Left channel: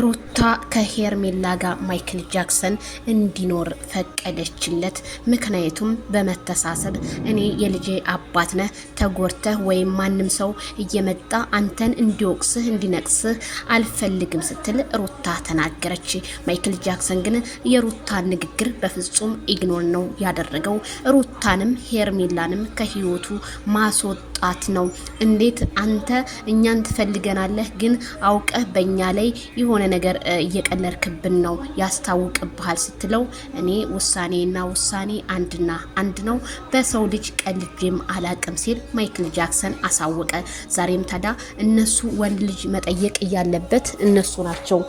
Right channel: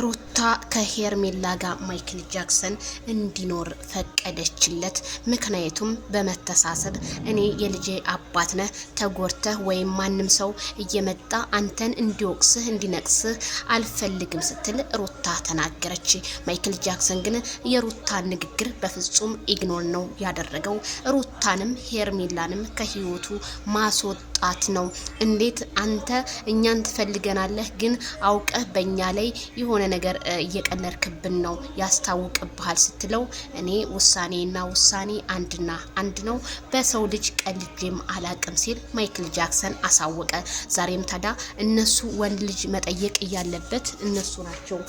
ሩታ ከሄርሜላ ጋር ማይክል ጃክሰን እንዲኖር ፈቀደችለት። ምክንያቱም በመተሳሰብ እኔ የልጄ አባት ነህ ተጎርተህ ወይም ማንም ሰው እየመጣ አንተን እንዲወቅስህ እንዲነቅስህ አልፈልግም ስትል ሩታ ተናገረች። ማይክል ጃክሰን ግን የሩታን ንግግር በፍጹም ኢግኖር ነው ያደረገው። ሩታንም ሄርሜላንም ከህይወቱ ማስወጣት ነው። እንዴት አንተ እኛን ትፈልገናለህ ግን አውቀህ በእኛ ላይ የሆነ ነገር እየቀለድክብን ነው ያስታውቅብሃል ስትለው እኔ ውሳኔና ውሳኔ አንድ ነው፣ በሰው ልጅ ቀልጄም አላቅም ሲል ማይክል ጃክሰን አሳወቀ። ዛሬም ታዲያ እነሱ ወንድ ልጅ መጠየቅ እያለበት እነሱ ናቸው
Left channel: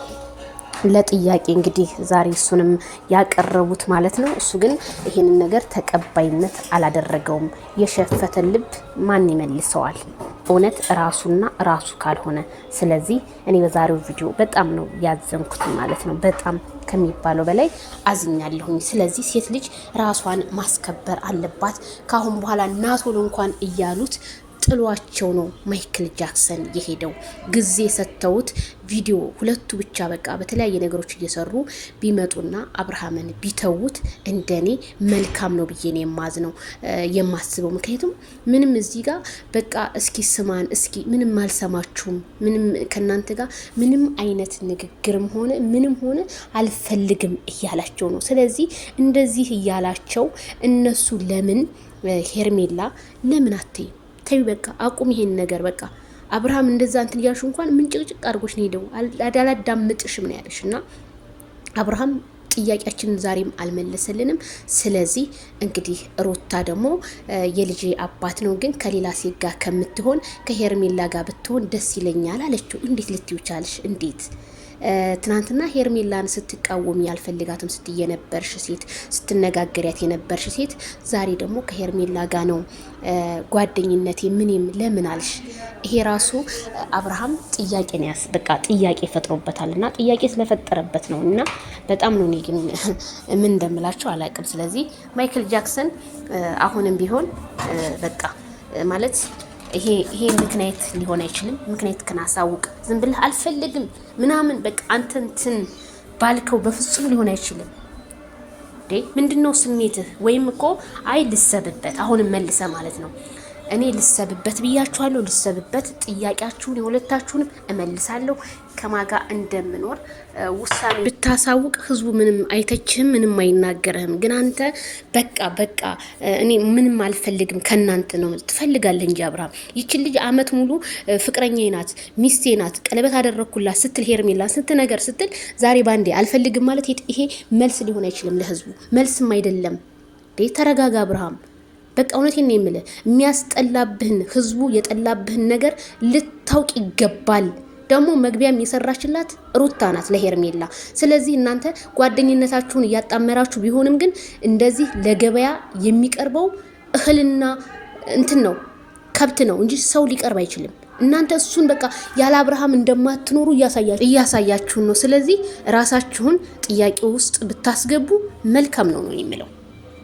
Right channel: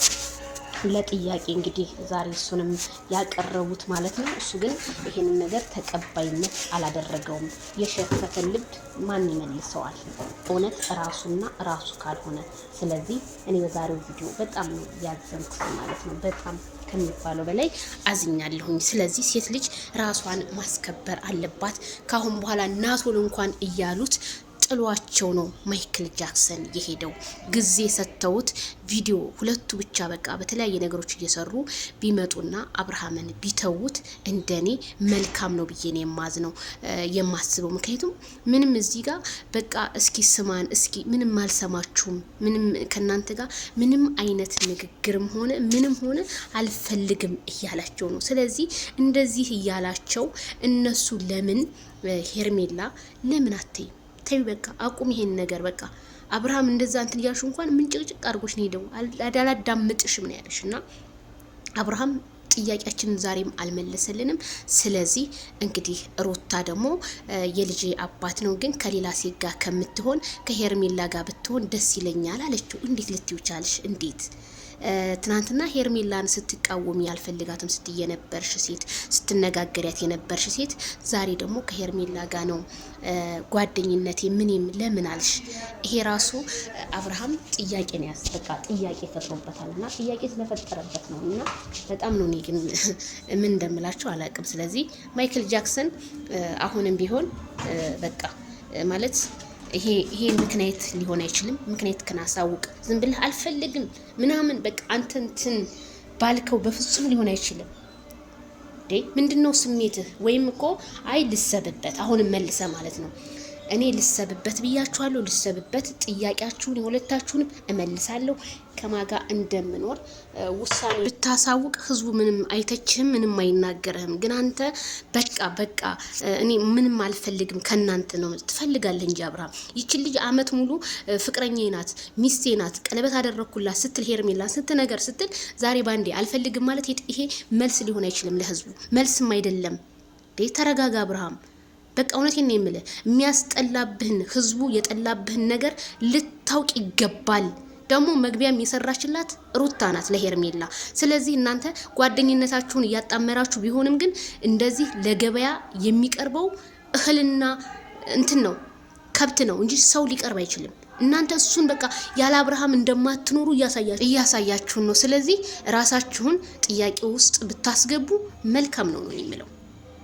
ለጥያቄ እንግዲህ ዛሬ እሱንም ያቀረቡት ማለት ነው። እሱ ግን ይሄንን ነገር ተቀባይነት አላደረገውም። የሸፈተ ልብ ማን ይመልሰዋል? እውነት ራሱና ራሱ ካልሆነ። ስለዚህ እኔ በዛሬው ቪዲዮ በጣም ነው ያዘንኩት ማለት ነው። በጣም ከሚባለው በላይ አዝኛለሁኝ። ስለዚህ ሴት ልጅ ራሷን ማስከበር አለባት። ካሁን በኋላ ናቶል እንኳን እያሉት ጥሏቸው ነው ማይክል ጃክሰን የሄደው። ጊዜ ሰጥተውት ቪዲዮ ሁለቱ ብቻ በቃ በተለያየ ነገሮች እየሰሩ ቢመጡና አብርሃምን ቢተውት እንደኔ መልካም ነው ብዬ ነው የማስበው። ምክንያቱም ምንም እዚህ ጋር በቃ እስኪ ስማን እስኪ ምንም አልሰማችሁም፣ ምንም ከናንተ ጋር ምንም አይነት ንግግርም ሆነ ምንም ሆነ አልፈልግም እያላቸው ነው። ስለዚህ እንደዚህ እያላቸው እነሱ ለምን ሄርሜላ ለምን አትይ ተይ በቃ አቁም ይሄን ነገር በቃ አብርሃም እንደዛ እንትን ያልሽ እንኳን ምን ጭቅጭቅ አድርጎሽ ነው ሄደው አላዳምጥሽም ነው ያለሽና አብርሃም ጥያቄያችንን ዛሬም አልመለሰልንም። ስለዚህ እንግዲህ ሩታ ደግሞ የልጅ አባት ነው ግን ከሌላ ሴት ጋር ከምትሆን ከሄርሜላ ጋር ብትሆን ደስ ይለኛል አለችው። እንዴት ልትዩ ቻልሽ? እንዴት ትናንትና ሄርሜላን ስትቃወም ያልፈልጋትም ስትይ የነበርሽ ሴት ስትነጋገሪያት የነበርሽ ሴት ዛሬ ደግሞ ከሄርሜላ ጋር ነው ጓደኝነቴ ምንም ለምን አልሽ? ይሄ ራሱ አብርሃም ጥያቄ ነው በቃ ጥያቄ ፈጥሮበታልና ጥያቄ ስለፈጠረበት ነው። እና በጣም ነው ግን ምን እንደምላችሁ አላውቅም። ስለዚህ ማይክል ጃክሰን አሁንም ቢሆን በቃ ማለት ይሄ ምክንያት ሊሆን አይችልም። ምክንያት ከናሳውቅ ዝም ብለህ አልፈልግም ምናምን በቃ አንተንትን ባልከው በፍጹም ሊሆን አይችልም። ምንድነው ስሜትህ? ወይም እኮ አይ ልሰብበት አሁንም መልሰ ማለት ነው እኔ ልሰብበት ብያችኋለሁ። ልሰብበት ጥያቄያችሁን የሁለታችሁንም እመልሳለሁ። ከማጋ እንደምኖር ውሳኔ ብታሳውቅ ህዝቡ ምንም አይተችህም፣ ምንም አይናገርህም። ግን አንተ በቃ እኔ ምንም አልፈልግም ከናንተ ነው ትፈልጋለህ እንጂ አብርሃም ይቺን ልጅ አመት ሙሉ ፍቅረኛዬ ናት ሚስቴ ናት ቀለበት አደረኩላት ስትል ሄርሜላ ስንት ነገር ስትል ዛሬ ባንዴ አልፈልግም ማለት ይሄ መልስ ሊሆን አይችልም። ለህዝቡ መልስም አይደለም። ተረጋጋ አብርሃም። በቃ እውነቴን ነው የምልህ የሚያስጠላብህን ህዝቡ የጠላብህን ነገር ልታውቅ ይገባል። ደግሞ መግቢያም የሰራችላት ሩታ ናት ለሄርሜላ። ስለዚህ እናንተ ጓደኝነታችሁን እያጣመራችሁ ቢሆንም ግን እንደዚህ ለገበያ የሚቀርበው እህልና እንትን ነው ከብት ነው እንጂ ሰው ሊቀርብ አይችልም። እናንተ እሱን በቃ ያለ አብርሃም እንደማትኖሩ እያሳያችሁን ነው። ስለዚህ ራሳችሁን ጥያቄ ውስጥ ብታስገቡ መልካም ነው የሚለው